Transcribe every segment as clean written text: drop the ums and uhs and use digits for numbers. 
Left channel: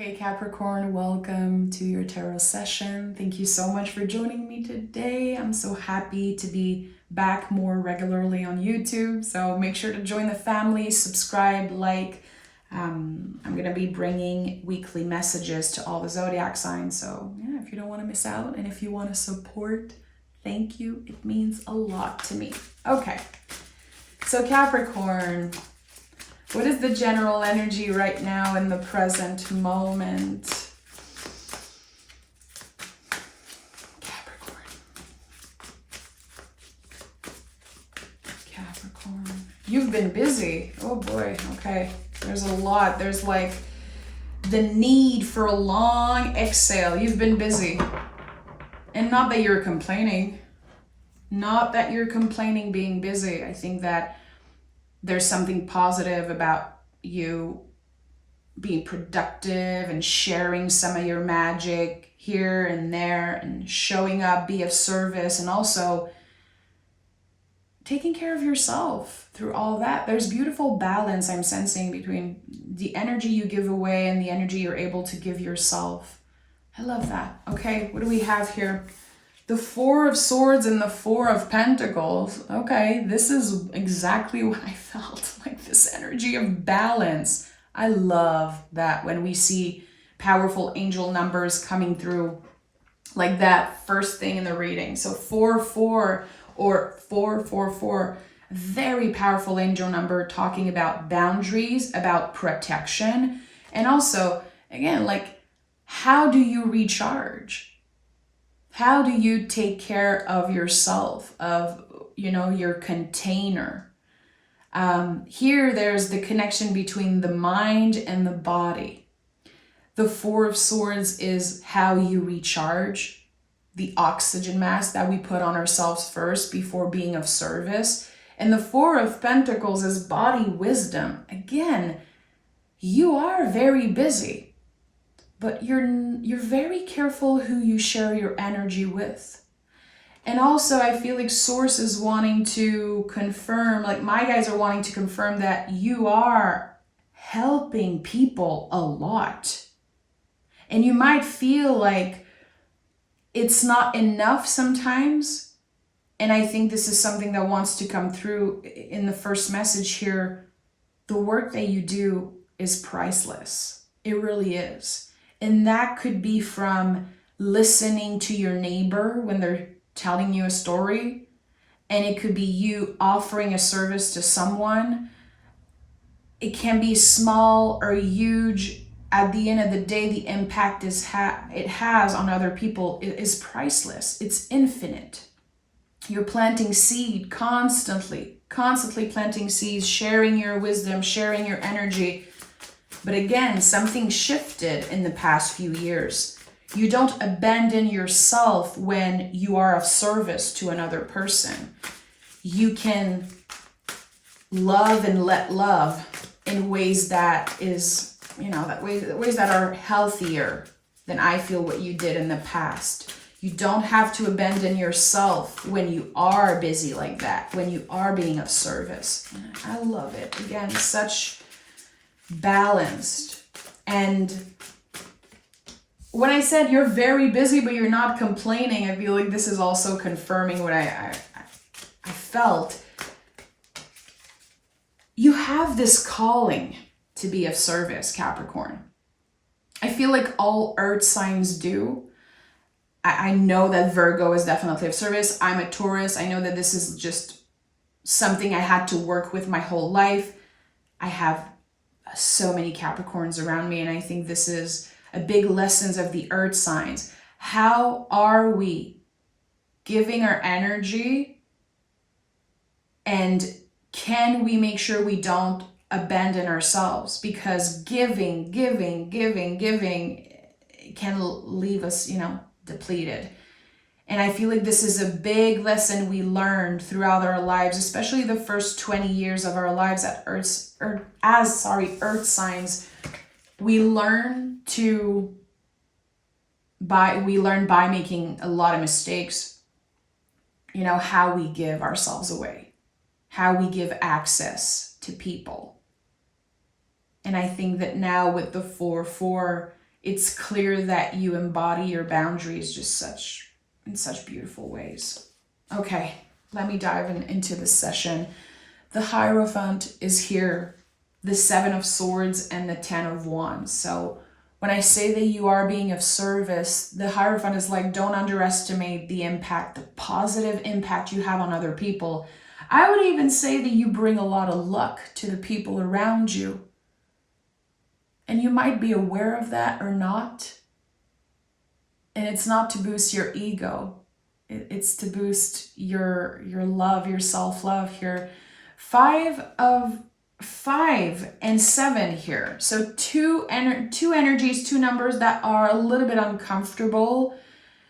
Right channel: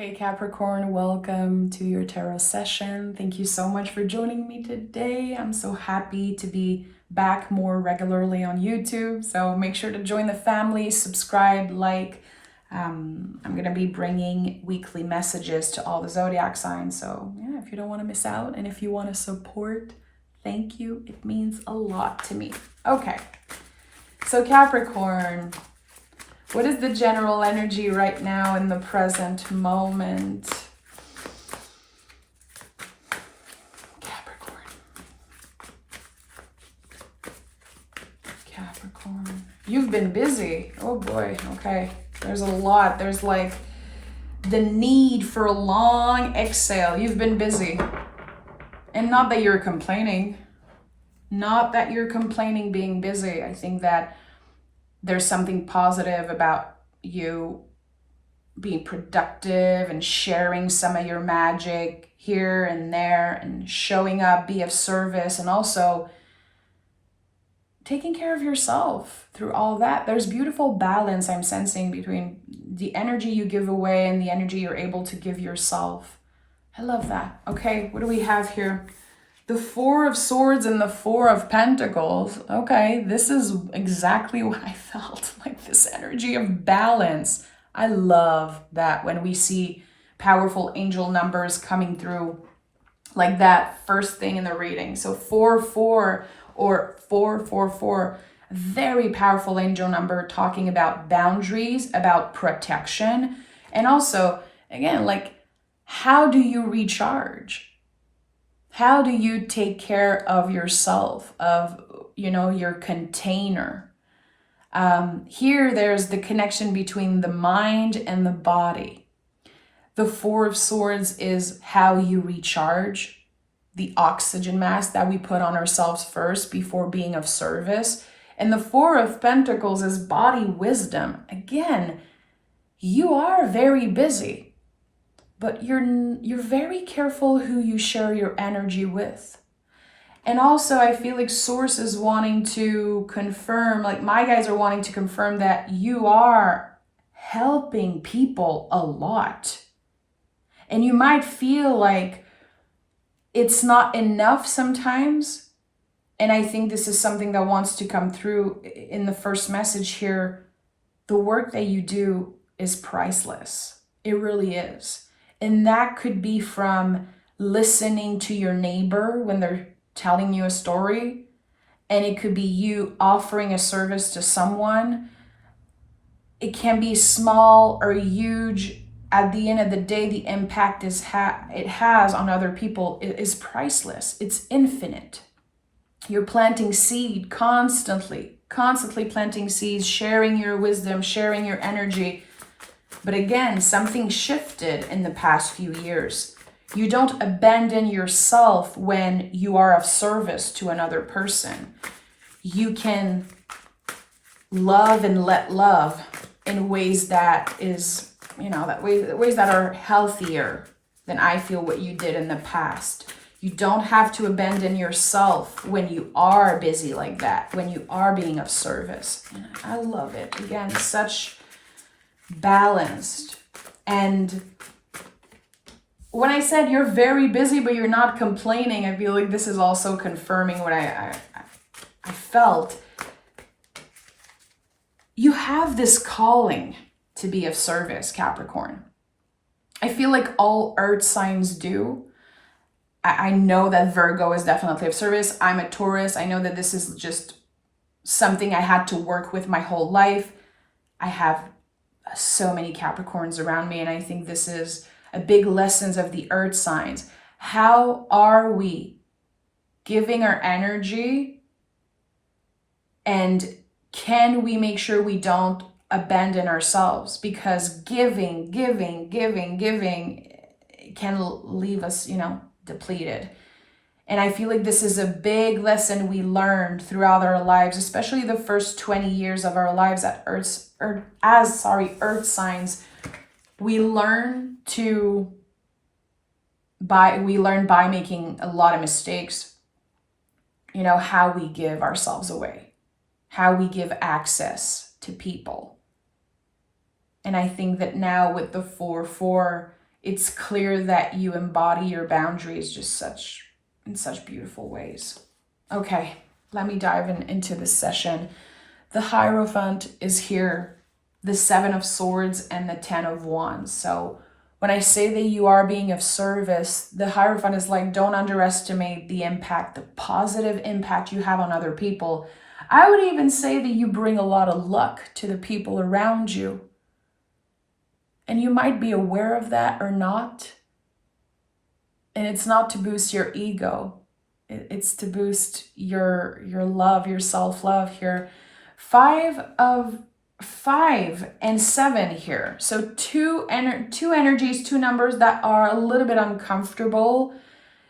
Hey Capricorn, welcome to your tarot session. Thank you so much for joining me today. I'm so happy to be back more regularly on YouTube. So make sure to join the family, subscribe, like. I'm going to be bringing weekly messages to all the zodiac signs. So yeah, if you don't want to miss out and if you want to support, thank you. It means a lot to me. Okay, so Capricorn. What is the general energy right now in the present moment? Capricorn. You've been busy. Oh boy, okay. There's a lot. There's like the need for a long exhale. You've been busy. And not that you're complaining. Not that you're complaining being busy. I think that there's something positive about you being productive and sharing some of your magic here and there and showing up, be of service, and also taking care of yourself through all that. There's beautiful balance I'm sensing between the energy you give away and the energy you're able to give yourself. I love that. Okay, what do we have here? The Four of Swords and the Four of Pentacles. Okay, this is exactly what I felt, like this energy of balance. I love that when we see powerful angel numbers coming through like that first thing in the reading. So 4-4 or 4-4-4, very powerful angel number talking about boundaries, about protection, and also, again, like, how do you recharge? How do you take care of yourself, of, your container? Here, there's the connection between the mind and the body. The Four of Swords is how you recharge, the oxygen mask that we put on ourselves first before being of service. And the Four of Pentacles is body wisdom. Again, you are very busy. But you're very careful who you share your energy with. And also, I feel like Source is wanting to confirm, like my guys are wanting to confirm that you are helping people a lot. And you might feel like it's not enough sometimes. And I think this is something that wants to come through in the first message here. The work that you do is priceless. It really is. And that could be from listening to your neighbor when they're telling you a story. And it could be you offering a service to someone. It can be small or huge. At the end of the day, the impact it has on other people is priceless. It's infinite. You're planting seed constantly planting seeds, sharing your wisdom, sharing your energy. But again, something shifted in the past few years. You don't abandon yourself when you are of service to another person. You can love and let love in ways that is, ways that are healthier than I feel what you did in the past. You don't have to abandon yourself when you are busy like that, when you are being of service. I love it. Again, such balanced. And when I said you're very busy but you're not complaining, I feel like this is also confirming what I felt. You have this calling to be of service, Capricorn. I feel like all earth signs do. I know that Virgo is definitely of service. I'm a Taurus. I know that this is just something I had to work with my whole life. I have so many Capricorns around me, and I think this is a big lessons of the earth signs. How are we giving our energy, and can we make sure we don't abandon ourselves? Because giving can leave us, depleted. And I feel like this is a big lesson we learned throughout our lives, especially the first 20 years of our lives at earth signs. We learn by making a lot of mistakes, how we give ourselves away, how we give access to people. And I think that now with the 4-4, it's clear that you embody your boundaries just in such beautiful ways. Okay, let me dive into this session. The Hierophant is here, the 7 of Swords and the 10 of Wands. So when I say that you are being of service, the Hierophant is like, don't underestimate the impact, the positive impact you have on other people. I would even say that you bring a lot of luck to the people around you. And you might be aware of that or not. And it's not to boost your ego. It's to boost your love, your self-love here. 5 and 7 here. So two energies, 2 numbers that are a little bit uncomfortable.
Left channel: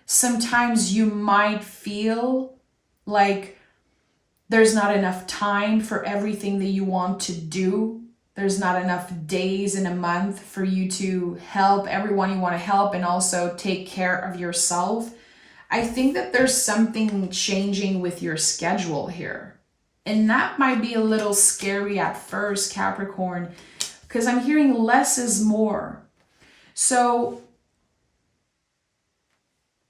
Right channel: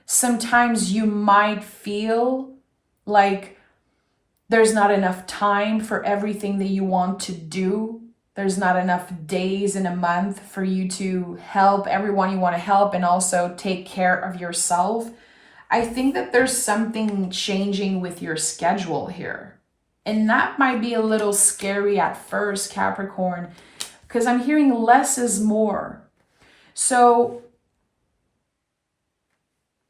Sometimes you might feel like there's not enough time for everything that you want to do. There's not enough days in a month for you to help everyone you want to help and also take care of yourself. I think that there's something changing with your schedule here. And that might be a little scary at first, Capricorn, because I'm hearing less is more. So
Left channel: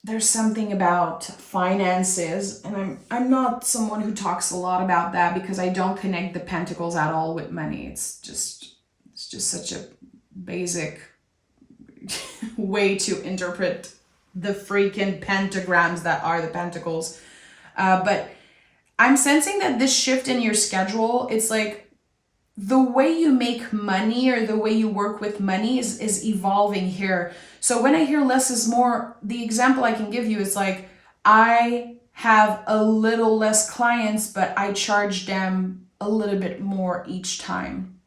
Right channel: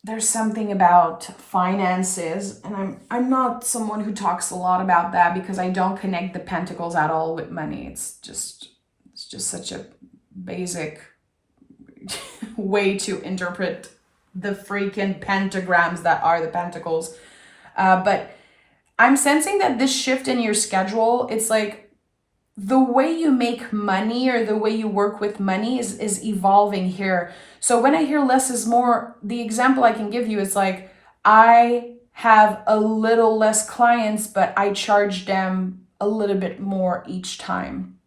there's something about finances, and I'm not someone who talks a lot about that because I don't connect the pentacles at all with money. It's just such a basic way to interpret the freaking pentagrams that are the pentacles. But I'm sensing that this shift in your schedule, it's like the way you make money or the way you work with money is evolving here. So when I hear less is more, the example I can give you is like, I have a little less clients, but I charge them a little bit more each time.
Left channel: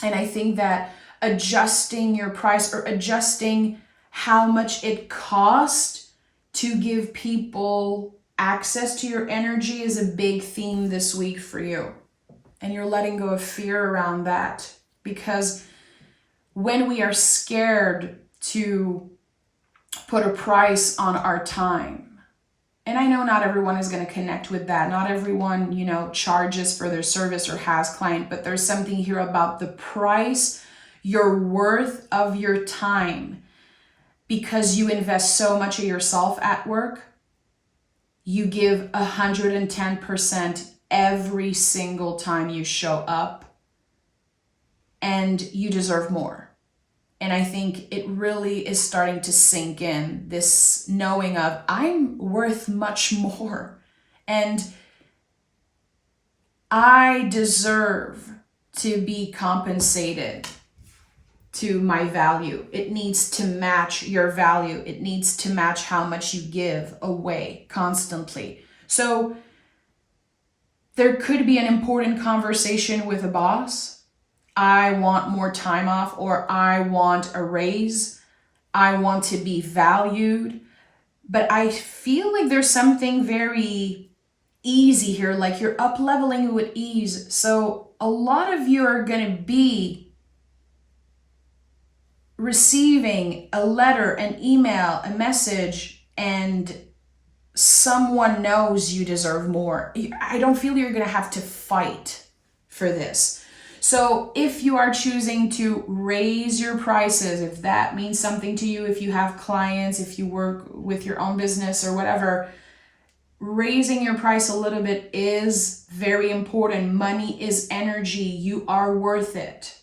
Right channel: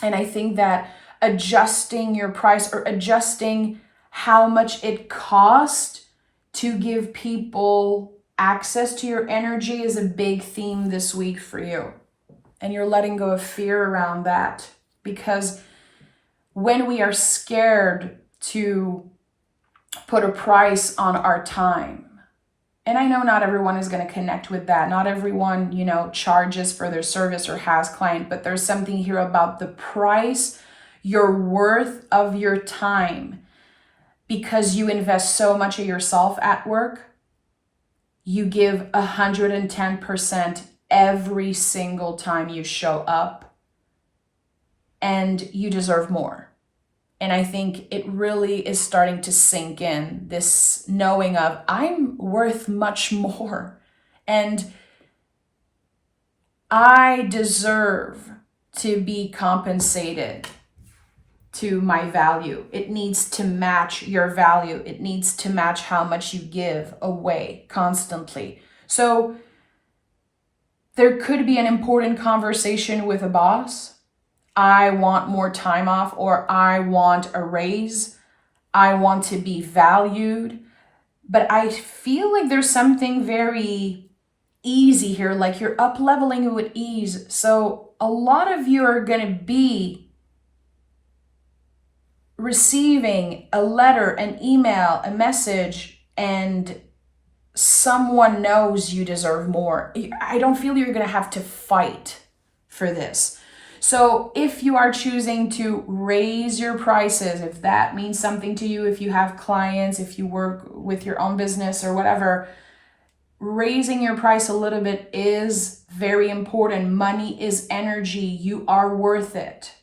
And I think that adjusting your price or adjusting how much it costs to give people access to your energy is a big theme this week for you. And you're letting go of fear around that, because when we are scared to put a price on our time, and I know not everyone is going to connect with that. Not everyone, charges for their service or has client, but there's something here about the price, your worth of your time, because you invest so much of yourself at work. You give 110% every single time you show up, and you deserve more. And I think it really is starting to sink in, this knowing of I'm worth much more and I deserve to be compensated to my value. It needs to match your value. It needs to match how much you give away constantly. So there could be an important conversation with a boss. I want more time off, or I want a raise. I want to be valued. But I feel like there's something very easy here, like you're up leveling with ease. So a lot of you are going to be receiving a letter, an email, a message, and someone knows you deserve more. I don't feel you're going to have to fight for this. So if you are choosing to raise your prices, if that means something to you, if you have clients, if you work with your own business or whatever, raising your price a little bit is very important. Money is energy. You are worth it.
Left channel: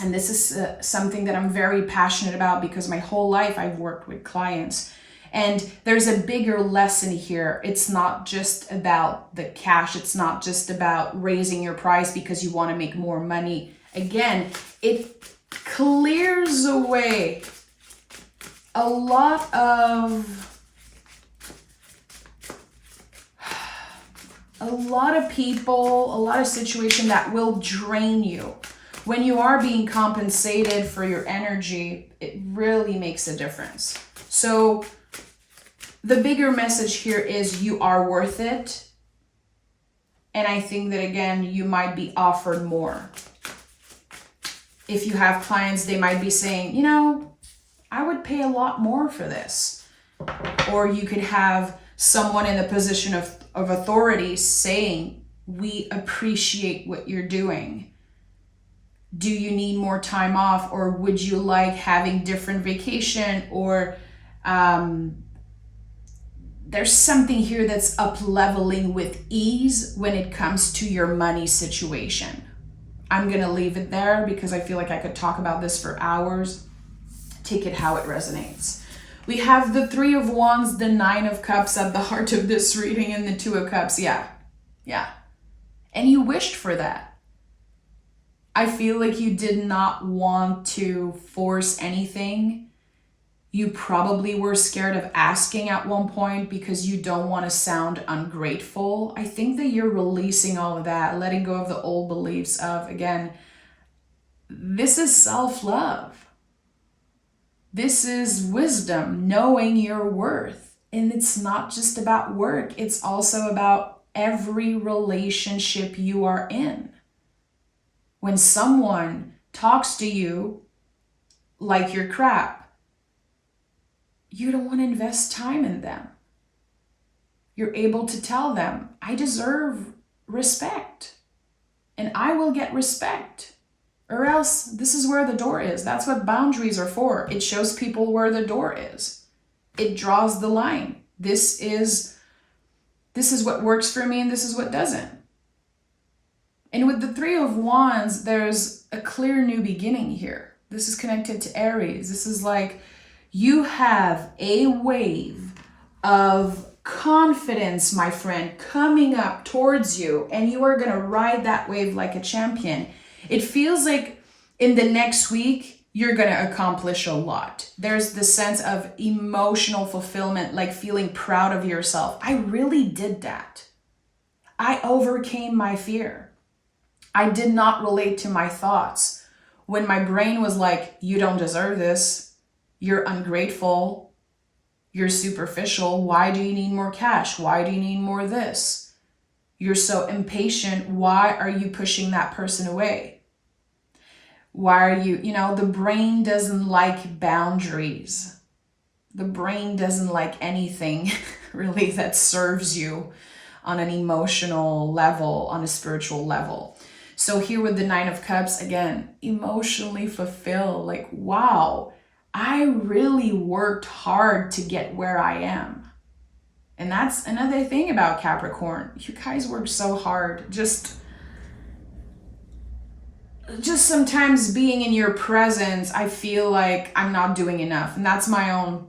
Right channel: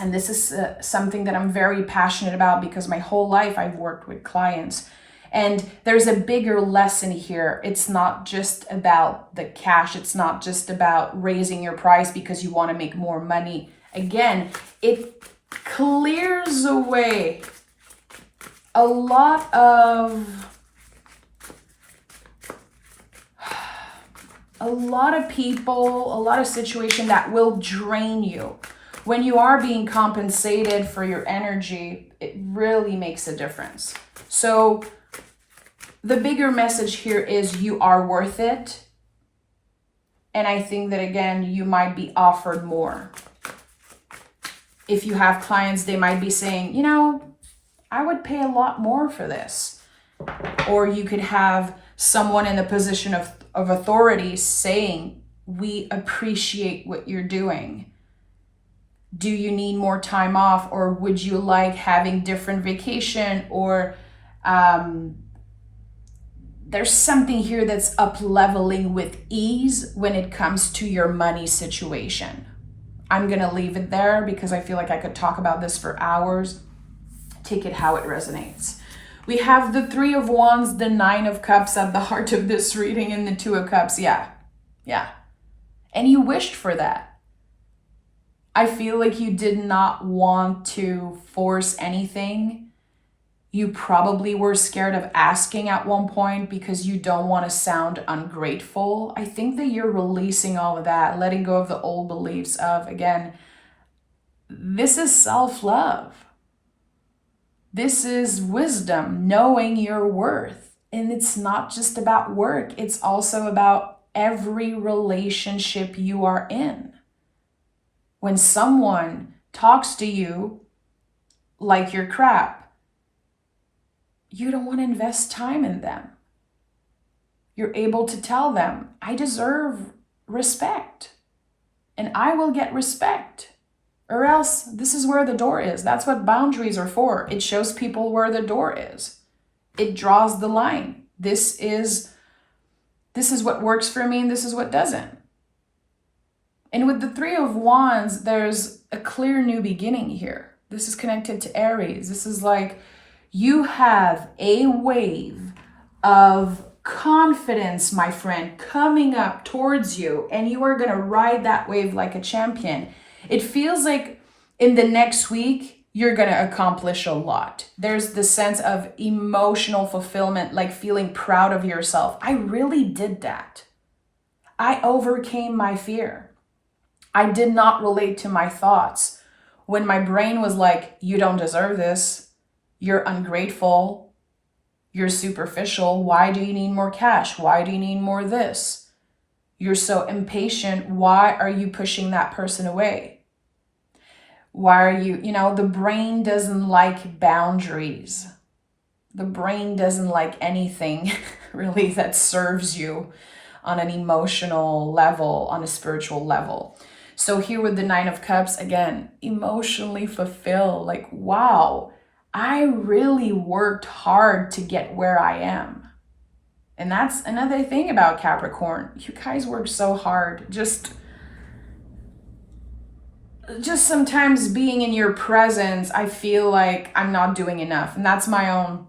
And this is something that I'm very passionate about because my whole life I've worked with clients. And there's a bigger lesson here. It's not just about the cash. It's not just about raising your price because you want to make more money. Again, it clears away a lot of people, a lot of situation that will drain you. When you are being compensated for your energy, it really makes a difference. So the bigger message here is you are worth it. And I think that, again, you might be offered more. If you have clients, they might be saying, I would pay a lot more for this. Or you could have someone in the position of authority saying, we appreciate what you're doing. Do you need more time off, or would you like having different vacation, or there's something here that's up leveling with ease when it comes to your money situation. I'm gonna leave it there because I feel like I could talk about this for hours. Take it how it resonates. We have the Three of Wands, the Nine of Cups at the heart of this reading, and the Two of Cups. Yeah. And you wished for that. I feel like you did not want to force anything. You probably were scared of asking at one point because you don't want to sound ungrateful. I think that you're releasing all of that, letting go of the old beliefs of, again, this is self-love. This is wisdom, knowing your worth. And it's not just about work. It's also about every relationship you are in. When someone talks to you like you're crap, you don't want to invest time in them. You're able to tell them, I deserve respect, and I will get respect, or else this is where the door is. That's what boundaries are for. It shows people where the door is. It draws the line. This is what works for me, and this is what doesn't. And with the Three of Wands, there's a clear new beginning here. This is connected to Aries. This is like you have a wave of confidence, my friend, coming up towards you, and you are going to ride that wave like a champion. It feels like in the next week, you're going to accomplish a lot. There's the sense of emotional fulfillment, like feeling proud of yourself. I really did that. I overcame my fear. I did not relate to my thoughts when my brain was like, you don't deserve this. You're ungrateful. You're superficial. Why do you need more cash? Why do you need more this? You're so impatient. Why are you pushing that person away? Why are you, the brain doesn't like boundaries. The brain doesn't like anything really that serves you on an emotional level, on a spiritual level. So here with the Nine of Cups, again, emotionally fulfilled, like, wow, I really worked hard to get where I am. And that's another thing about Capricorn. You guys work so hard. Just sometimes being in your presence, I feel like I'm not doing enough. And that's my own,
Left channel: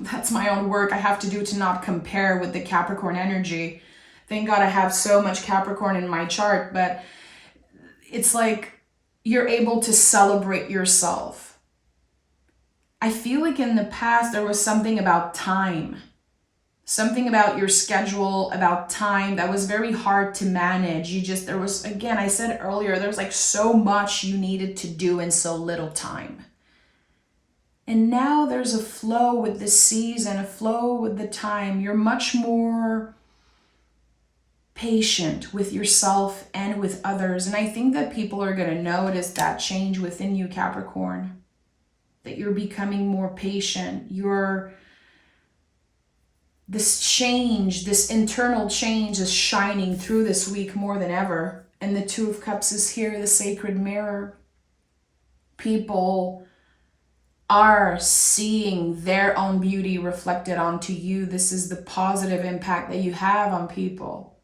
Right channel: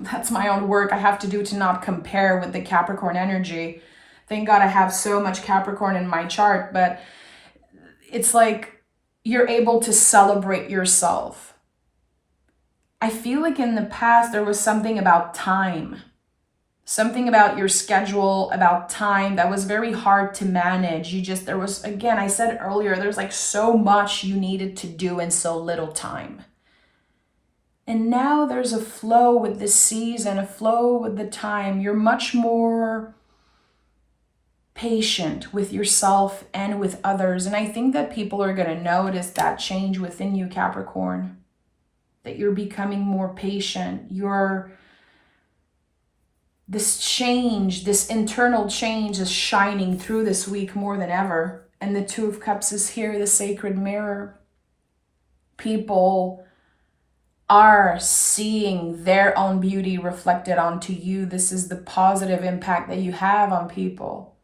that's my own work I have to do to not compare with the Capricorn energy. Thank God I have so much Capricorn in my chart, but it's like you're able to celebrate yourself. I feel like in the past there was something about time, something about your schedule, about time that was very hard to manage. There was, again, I said earlier, there's like so much you needed to do in so little time. And now there's a flow with the season, a flow with the time. You're much more patient with yourself and with others. And I think that people are going to notice that change within you, Capricorn, that you're becoming more patient. This change, this internal change is shining through this week more than ever. And the Two of Cups is here, the sacred mirror. People are seeing their own beauty reflected onto you. This is the positive impact that you have on people.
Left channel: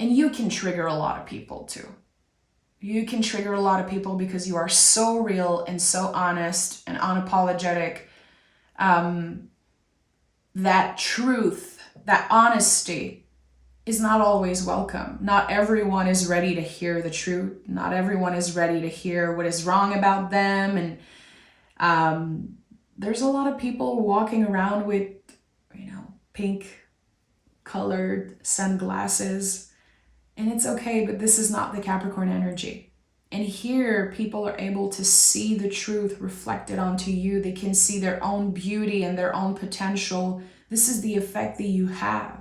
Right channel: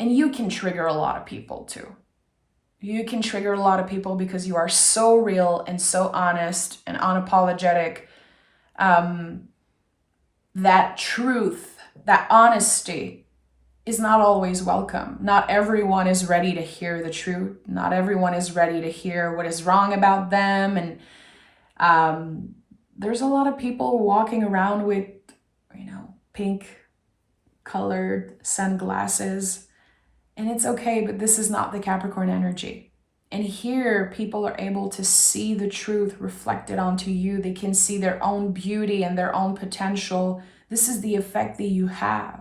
And you can trigger a lot of people too. You can trigger a lot of people because you are so real and so honest and unapologetic. That truth, that honesty is not always welcome. Not everyone is ready to hear the truth. Not everyone is ready to hear what is wrong about them. And there's a lot of people walking around with, pink colored sunglasses. And it's okay, but this is not the Capricorn energy. And here, people are able to see the truth reflected onto you. They can see their own beauty and their own potential. This is the effect that you have.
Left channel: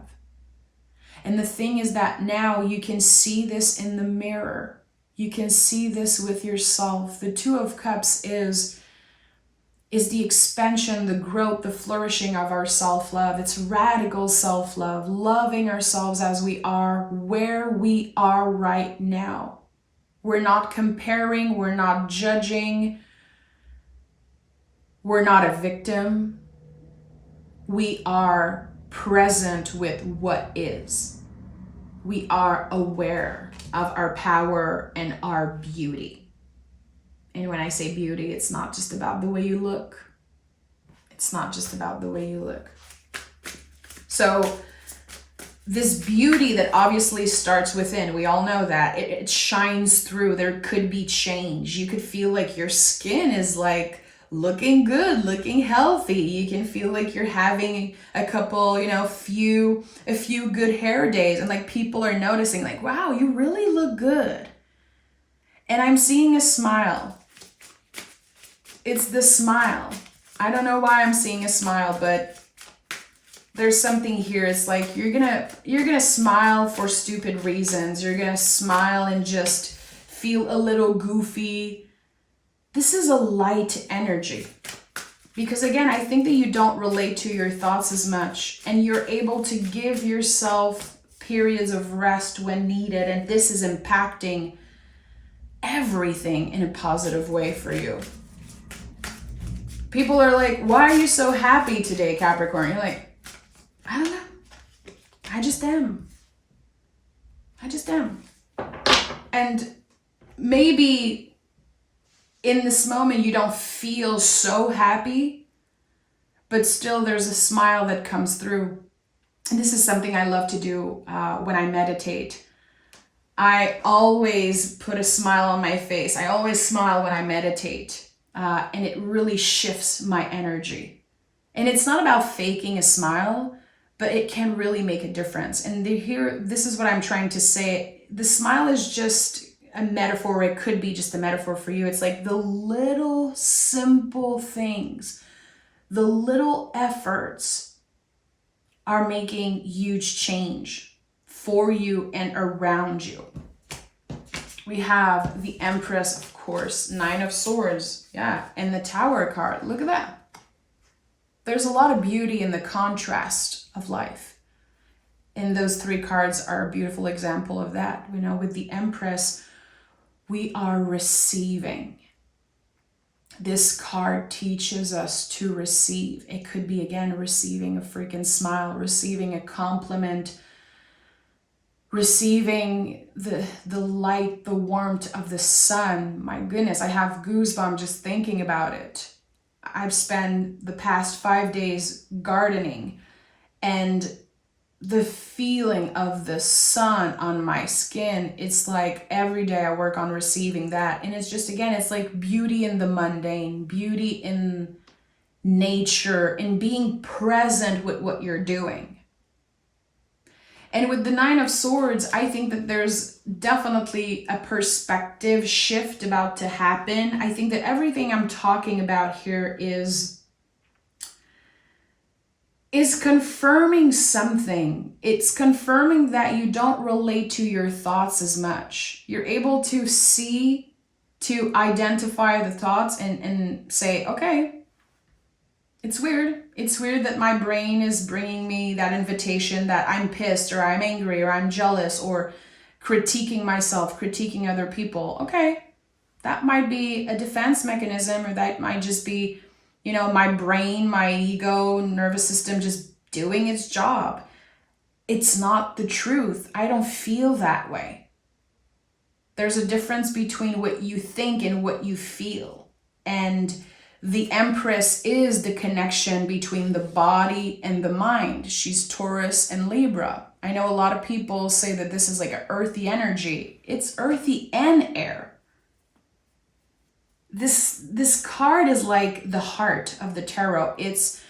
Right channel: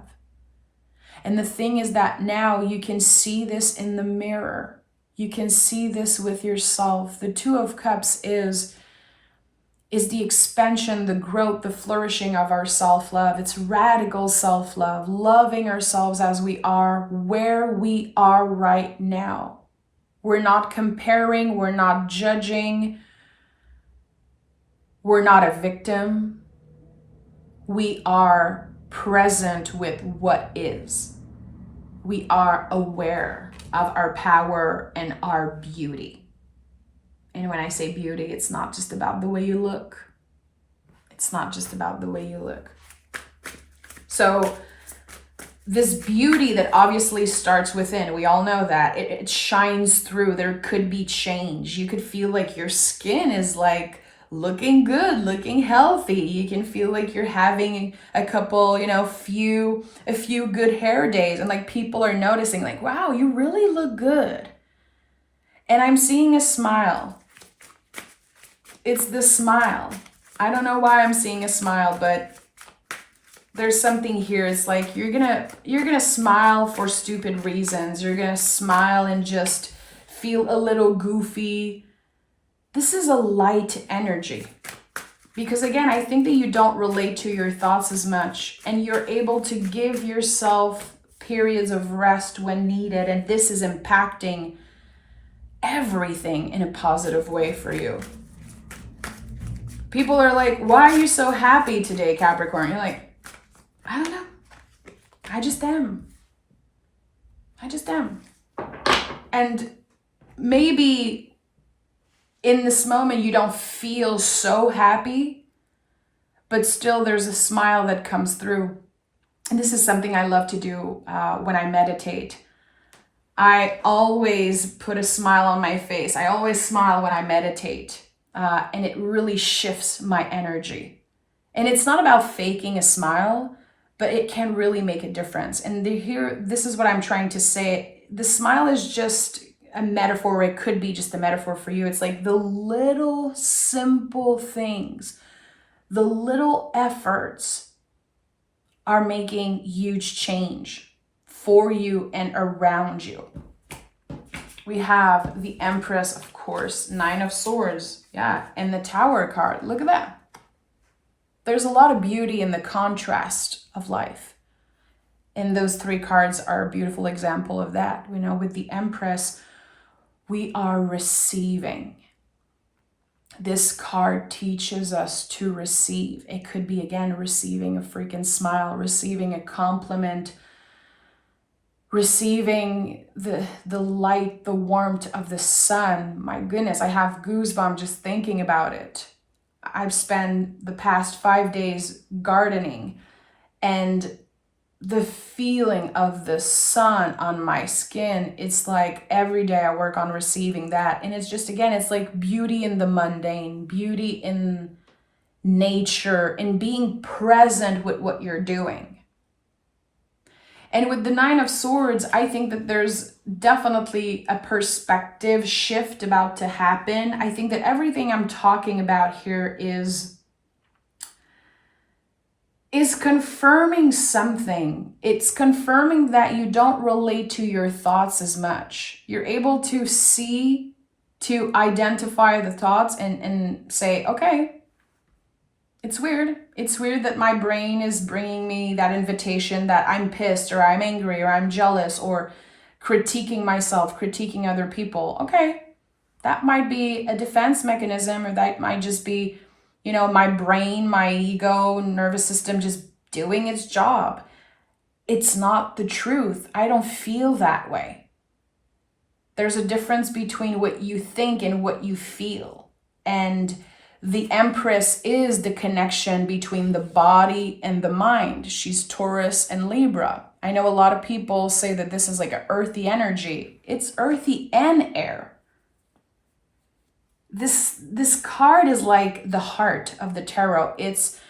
And the thing is that now you can see this in the mirror. You can see this with yourself. The Two of Cups is the expansion, the growth, the flourishing of our self-love. It's radical self-love, loving ourselves as we are, where we are right now. We're not comparing, we're not judging, we're not a victim. We are present with what is. We are aware of our power and our beauty. And when I say beauty, it's not just about the way you look. It's not just about the way you look. So this beauty that obviously starts within, we all know that, it shines through. There could be change. You could feel like your skin is like looking good, looking healthy. You can feel like you're having a couple, a few good hair days, and like people are noticing like, wow, you really look good. And I'm seeing a smile. It's the smile. I don't know why I'm seeing a smile, but there's something here. It's like you're gonna smile for stupid reasons. You're gonna smile and just feel a little goofy. This is a light energy. Because again, I think that you don't relate to your thoughts as much, and you're able to give yourself periods of rest when needed, and this is impacting everything in a positive way for you. People are like, why are you so happy today, Capricorn? You're like, I don't know. I just am. And maybe in this moment you don't feel so happy, but still there's a smile that comes through. And this is something I love to do when I meditate. I always put a smile on my face. I always smile when I meditate. And it really shifts my energy. And it's not about faking a smile, but it can really make a difference. And this is what I'm trying to say. The smile is just a metaphor. It could be just a metaphor for you. It's like the little simple things, the little efforts are making huge change for you and around you. We have the Empress, of course, 9 of Swords, yeah, and the Tower card. Look at that. There's a lot of beauty in the contrast of life. And those 3 cards are a beautiful example of that. With the Empress, we are receiving. This card teaches us to receive. It could be, again, receiving a freaking smile, receiving a compliment, receiving the light, the warmth of the sun. My goodness, I have goosebumps just thinking about it. I've spent the past 5 days gardening, and the feeling of the sun on my skin, it's like every day I work on receiving that. And it's just, again, it's like beauty in the mundane, beauty in nature, in being present with what you're doing. And with the 9 of Swords, I think that there's definitely a perspective shift about to happen. I think that everything I'm talking about here is confirming something. It's confirming that you don't relate to your thoughts as much. You're able to see, to identify the thoughts and say, okay, it's weird. It's weird that my brain is bringing me that invitation that I'm pissed or I'm angry or I'm jealous or critiquing myself, critiquing other people. Okay, that might be a defense mechanism, or that might just be, my brain, my ego, nervous system just doing its job. It's not the truth. I don't feel that way. There's a difference between what you think and what you feel. And the Empress is the connection between the body and the mind. She's Taurus and Libra. I know a lot of people say that this is like an earthy energy. It's earthy and air. This card is like the heart of the tarot. It's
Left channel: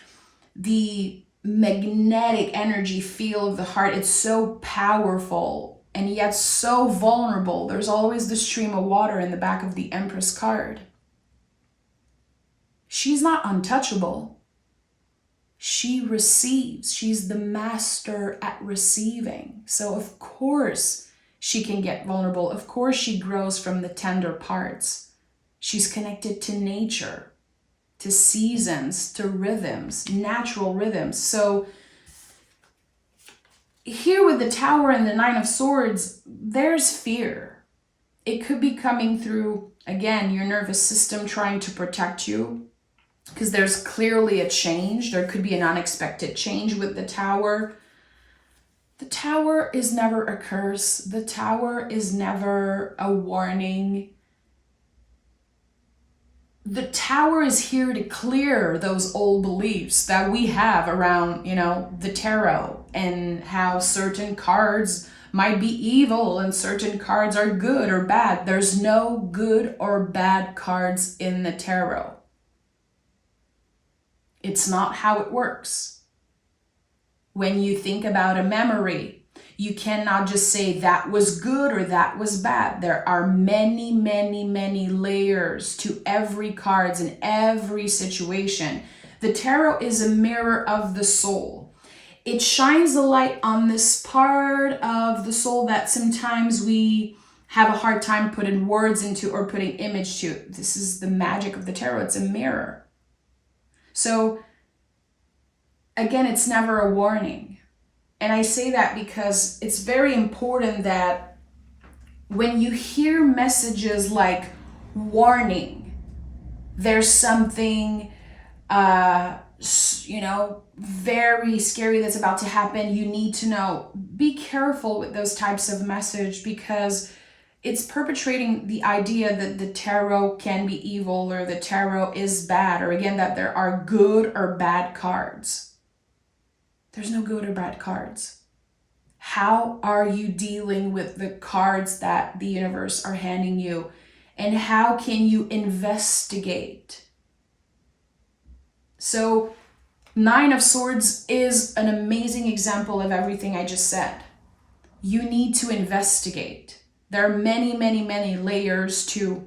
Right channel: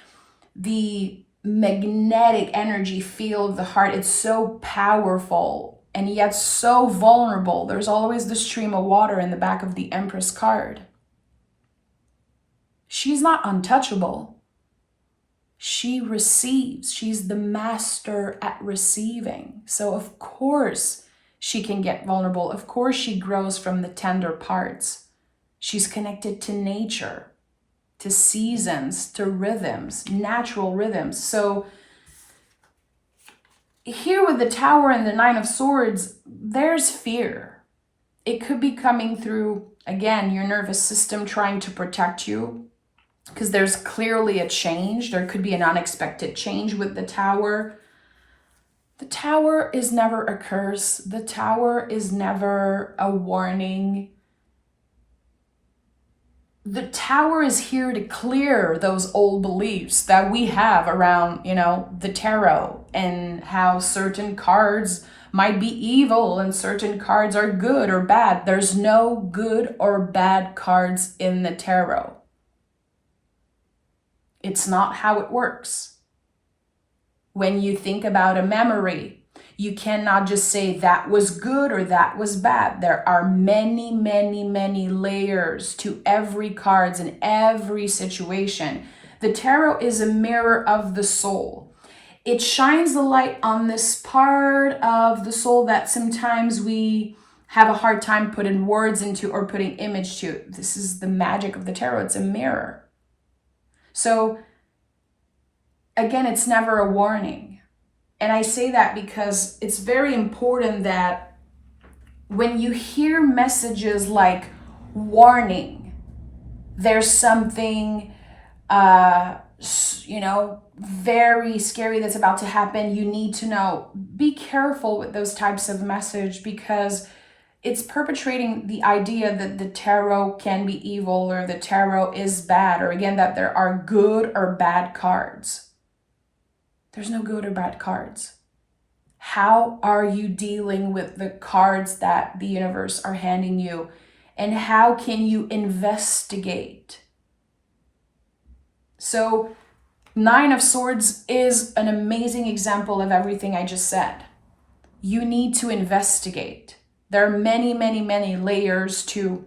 the magnetic energy field of the heart. It's so powerful and yet so vulnerable. There's always the stream of water in the back of the Empress card. She's not untouchable. She receives. She's the master at receiving. So of course she can get vulnerable. Of course she grows from the tender parts. She's connected to nature, to seasons, to rhythms, natural rhythms. So here with the Tower and the 9 of Swords, there's fear. It could be coming through, again, your nervous system trying to protect you, because there's clearly a change. There could be an unexpected change with the Tower. The Tower is never a curse. The Tower is never a warning. The Tower is here to clear those old beliefs that we have around, the tarot, and how certain cards might be evil and certain cards are good or bad. There's no good or bad cards in the tarot. It's not how it works. When you think about a memory, you cannot just say that was good or that was bad. There are many, many, many layers to every cards in every situation. The tarot is a mirror of the soul. It shines the light on this part of the soul that sometimes we have a hard time putting words into or putting image to. This is the magic of the tarot. It's a mirror. So again, it's never a warning. And I say that because it's very important that when you hear messages like warning, there's something, very scary that's about to happen, you need to know. Be careful with those types of message, because it's perpetrating the idea that the tarot can be evil or the tarot is bad, or again, that there are good or bad cards. There's no good or bad cards. How are you dealing with the cards that the universe are handing you? And how can you investigate? So, Nine of Swords is an amazing example of everything I just said. You need to investigate. There are many, many, many layers to,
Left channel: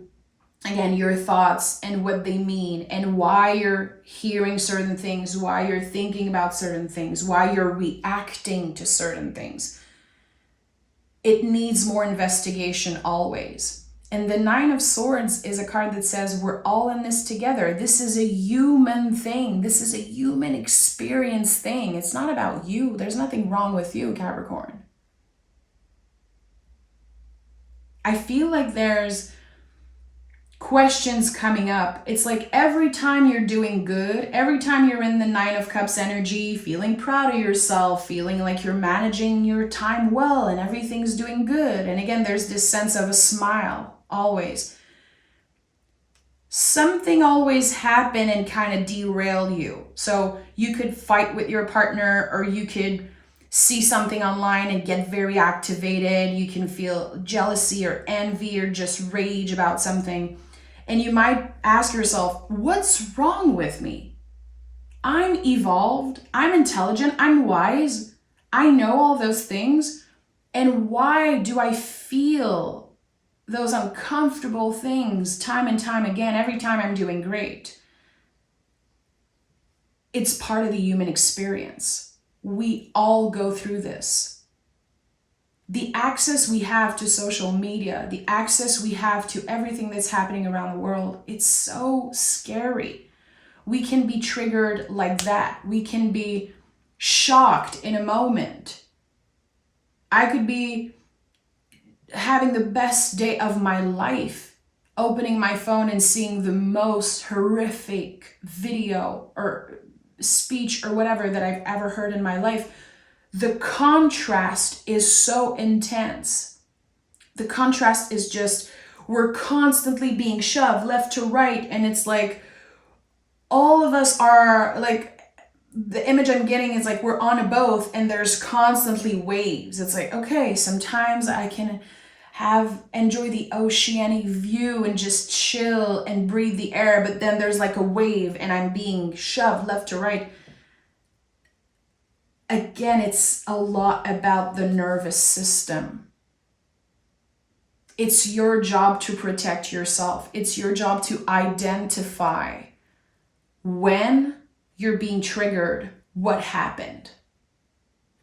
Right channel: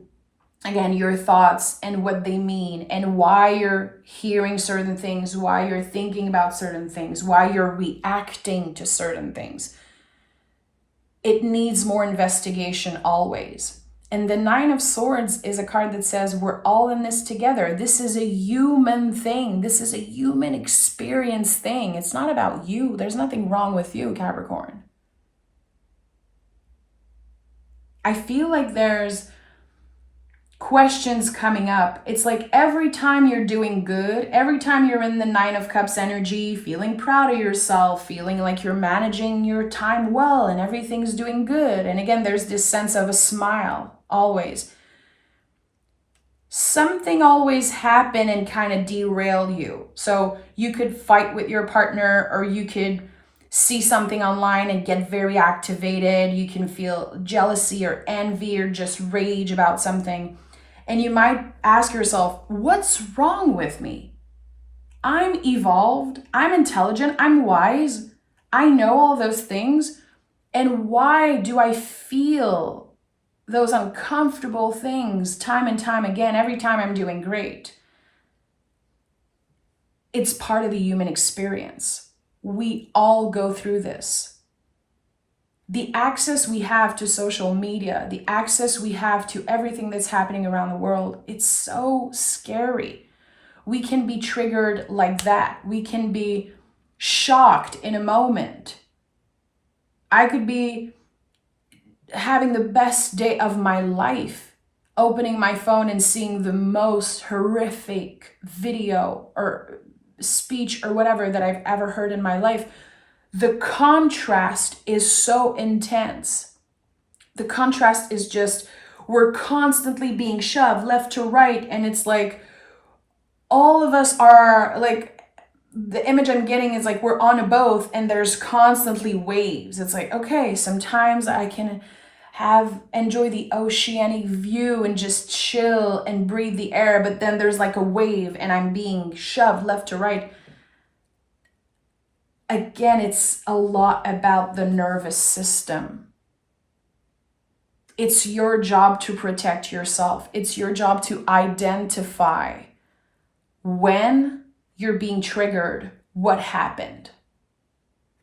again, your thoughts and what they mean and why you're hearing certain things, why you're thinking about certain things, why you're reacting to certain things. It needs more investigation always. And the Nine of Swords is a card that says we're all in this together. This is a human thing. This is a human experience thing. It's not about you. There's nothing wrong with you, Capricorn. I feel like there's questions coming up. It's like every time you're doing good, every time you're in the Nine of Cups energy, feeling proud of yourself, feeling like you're managing your time well and everything's doing good. And again, there's this sense of a smile always. Something always happen and kind of derail you. So you could fight with your partner, or you could see something online and get very activated. You can feel jealousy or envy or just rage about something. And you might ask yourself, what's wrong with me? I'm evolved, I'm intelligent, I'm wise, I know all those things. And why do I feel those uncomfortable things time and time again, every time I'm doing great? It's part of the human experience. We all go through this. The access we have to social media, the access we have to everything that's happening around the world, it's so scary. We can be triggered like that. We can be shocked in a moment. I could be having the best day of my life, opening my phone and seeing the most horrific video or speech or whatever that I've ever heard in my life. The contrast is so intense. The contrast is just, we're constantly being shoved left to right, and it's like all of us are like, the image I'm getting is like we're on a boat and there's constantly waves. It's like, okay, sometimes I can enjoy the oceanic view and just chill and breathe the air, but then there's like a wave and I'm being shoved left to right. Again, it's a lot about the nervous system. It's your job to protect yourself. It's your job to identify when you're being triggered, what happened.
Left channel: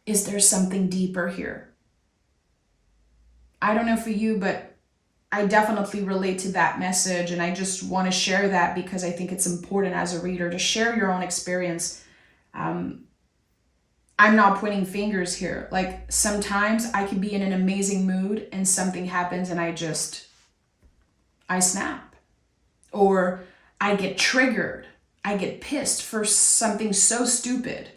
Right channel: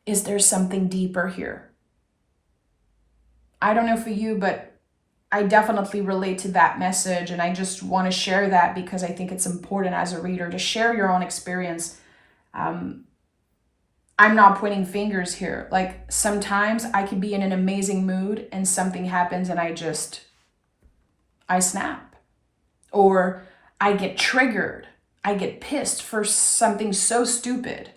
Is there something deeper here? I don't know for you, but I definitely relate to that message, and I just want to share that because I think it's important as a reader to share your own experience. I'm not pointing fingers here. Like sometimes I could be in an amazing mood and something happens and I just I snap, or I get triggered. I get pissed for something so stupid.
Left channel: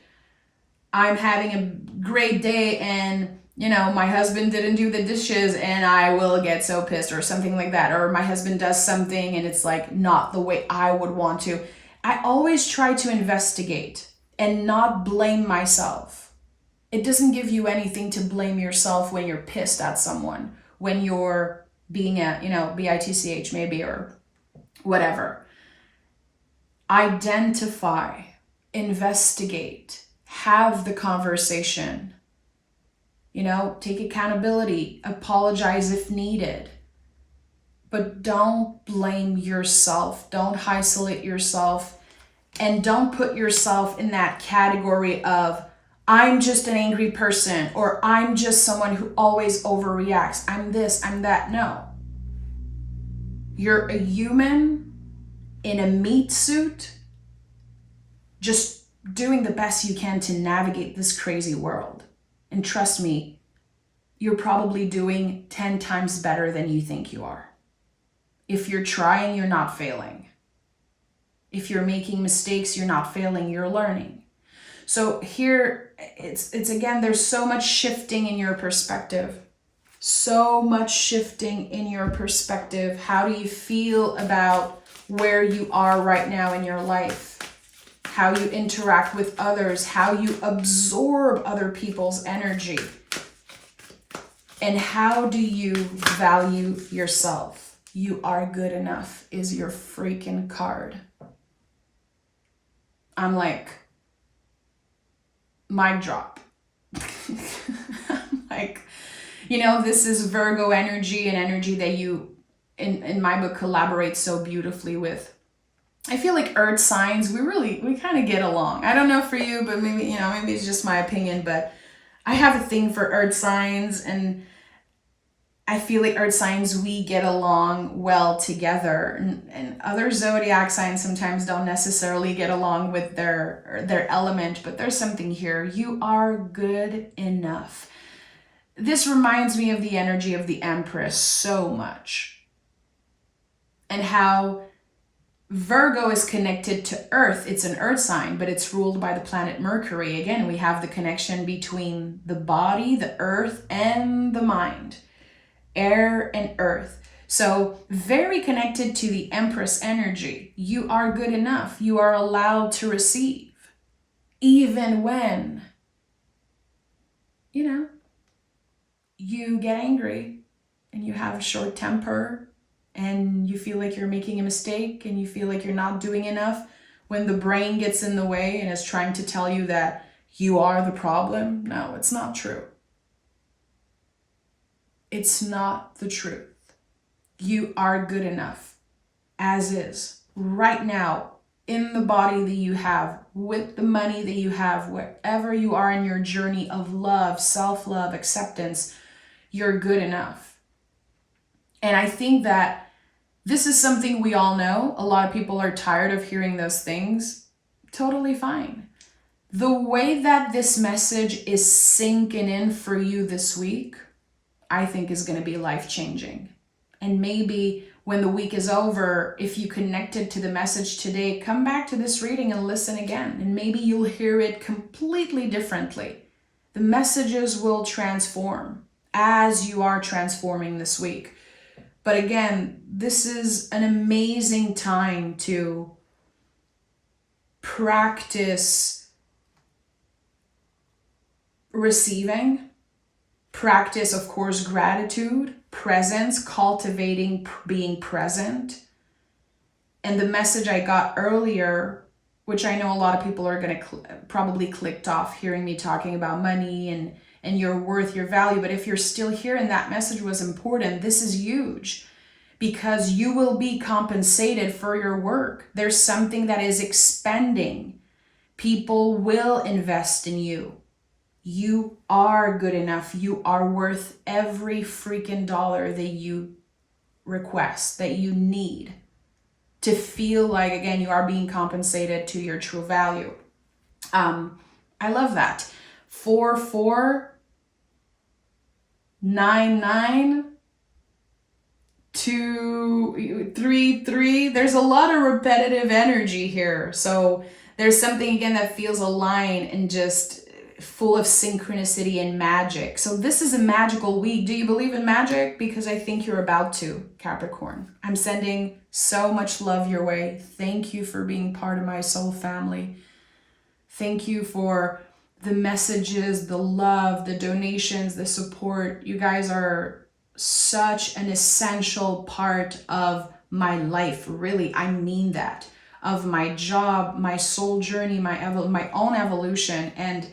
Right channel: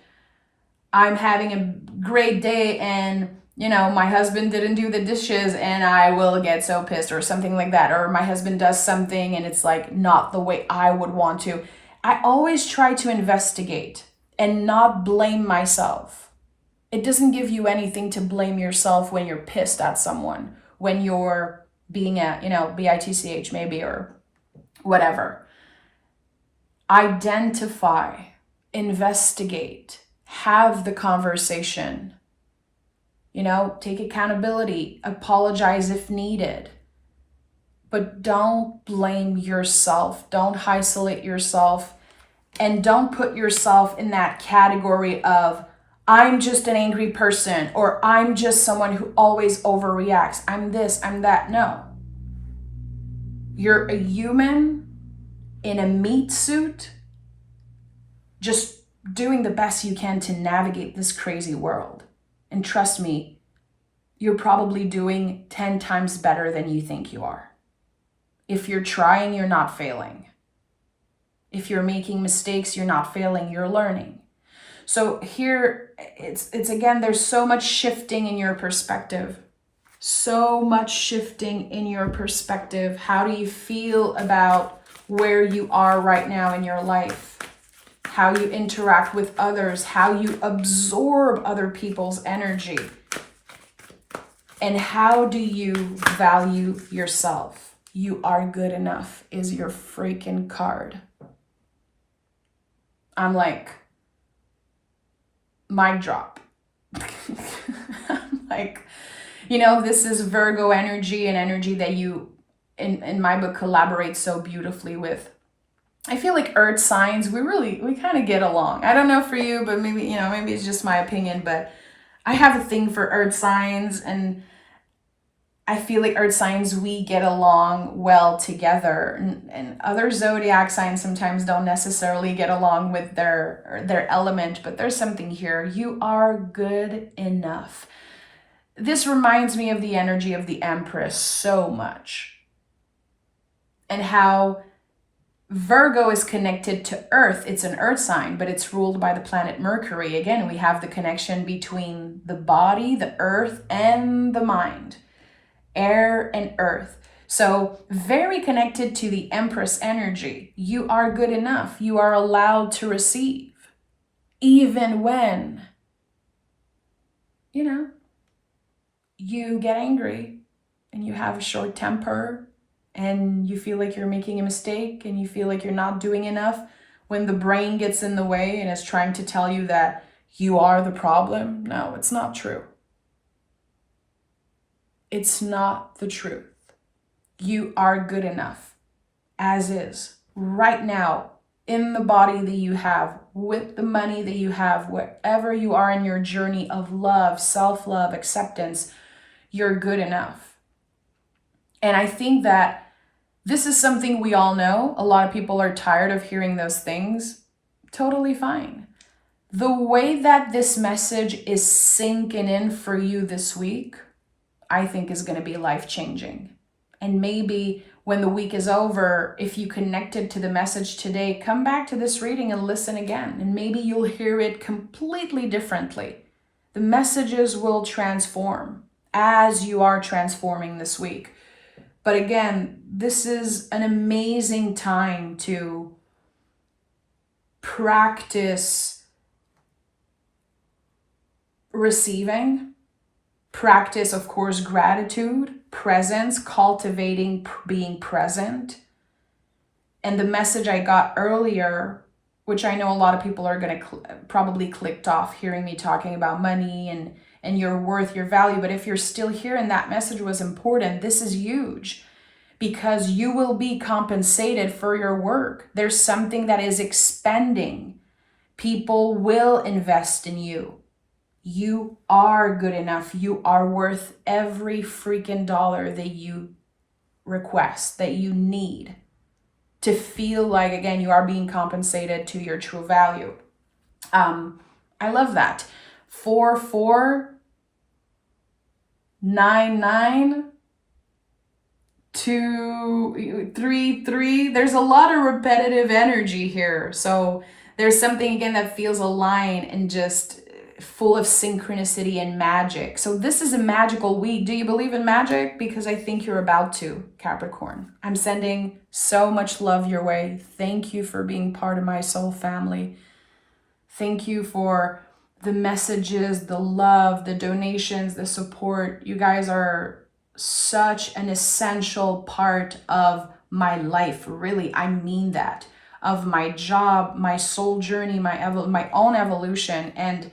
I'm having a great day and, my husband didn't do the dishes and I will get so pissed or something like that. Or my husband does something and it's like not the way I would want to. I always try to investigate and not blame myself. It doesn't give you anything to blame yourself when you're pissed at someone, when you're being a, bitch maybe, or whatever. Identify, investigate, have the conversation, take accountability, apologize if needed, but don't blame yourself. Don't isolate yourself, and don't put yourself in that category of, I'm just an angry person, or I'm just someone who always overreacts. I'm this, I'm that. No. You're a human in a meat suit, just doing the best you can to navigate this crazy world. And trust me, you're probably doing 10 times better than you think you are. If you're trying, you're not failing. If you're making mistakes, you're not failing, you're learning. So here, it's again, there's so much shifting in your perspective. So much shifting in your perspective. How do you feel about where you are right now in your life? How you interact with others, how you absorb other people's energy, and how do you value yourself? You are good enough is your freaking card. I'm like, mic drop. I'm like, this is Virgo energy, and energy that you, in my book, collaborate so beautifully with. I feel like earth signs, we kind of get along. I don't know for you, but maybe it's just my opinion, but I have a thing for earth signs, and I feel like earth signs, we get along well together, and other zodiac signs sometimes don't necessarily get along with their element, but there's something here. You are good enough. This reminds me of the energy of the Empress so much, and how Virgo is connected to Earth. It's an earth sign, but it's ruled by the planet Mercury. Again, we have the connection between the body, the earth, and the mind. Air and earth. So very connected to the Empress energy. You are good enough. You are allowed to receive. Even when, you get angry and you have a short temper, and you feel like you're making a mistake, and you feel like you're not doing enough, when the brain gets in the way and is trying to tell you that you are the problem. No, it's not true. It's not the truth. You are good enough as is, right now, in the body that you have, with the money that you have, wherever you are in your journey of love, self-love, acceptance, you're good enough. And I think that this is something we all know. A lot of people are tired of hearing those things. Totally fine. The way that this message is sinking in for you this week, I think is going to be life-changing. And maybe when the week is over, if you connected to the message today, come back to this reading and listen again. And maybe you'll hear it completely differently. The messages will transform as you are transforming this week. But again, this is an amazing time to practice receiving, practice, of course, gratitude, presence, cultivating being present. And the message I got earlier, which I know a lot of people are going to probably clicked off hearing me talking about money and your worth, your value. But if you're still here and that message was important, this is huge, because you will be compensated for your work. There's something that is expanding. People will invest in you. You are good enough. You are worth every freaking dollar that you request, that you need to feel like, again, you are being compensated to your true value. I love that. 4499 2, 3, 3. There's a lot of repetitive energy here. So there's something again that feels aligned and just full of synchronicity and magic. So this is a magical week. Do you believe in magic? Because I think you're about to, Capricorn. I'm sending so much love your way. Thank you for being part of my soul family. Thank you for the messages, the love, the donations, the support. You guys are such an essential part of my life. Really, I mean that. Of my job, my soul journey, my own evolution. And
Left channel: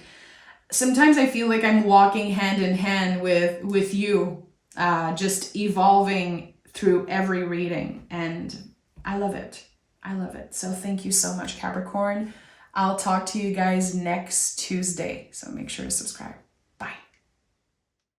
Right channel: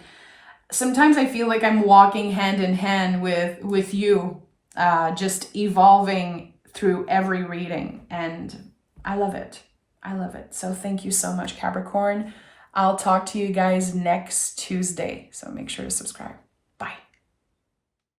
sometimes I feel like I'm walking hand in hand with you, just evolving through every reading. And I love it. I love it. So thank you so much, Capricorn. I'll talk to you guys next Tuesday. So make sure to subscribe.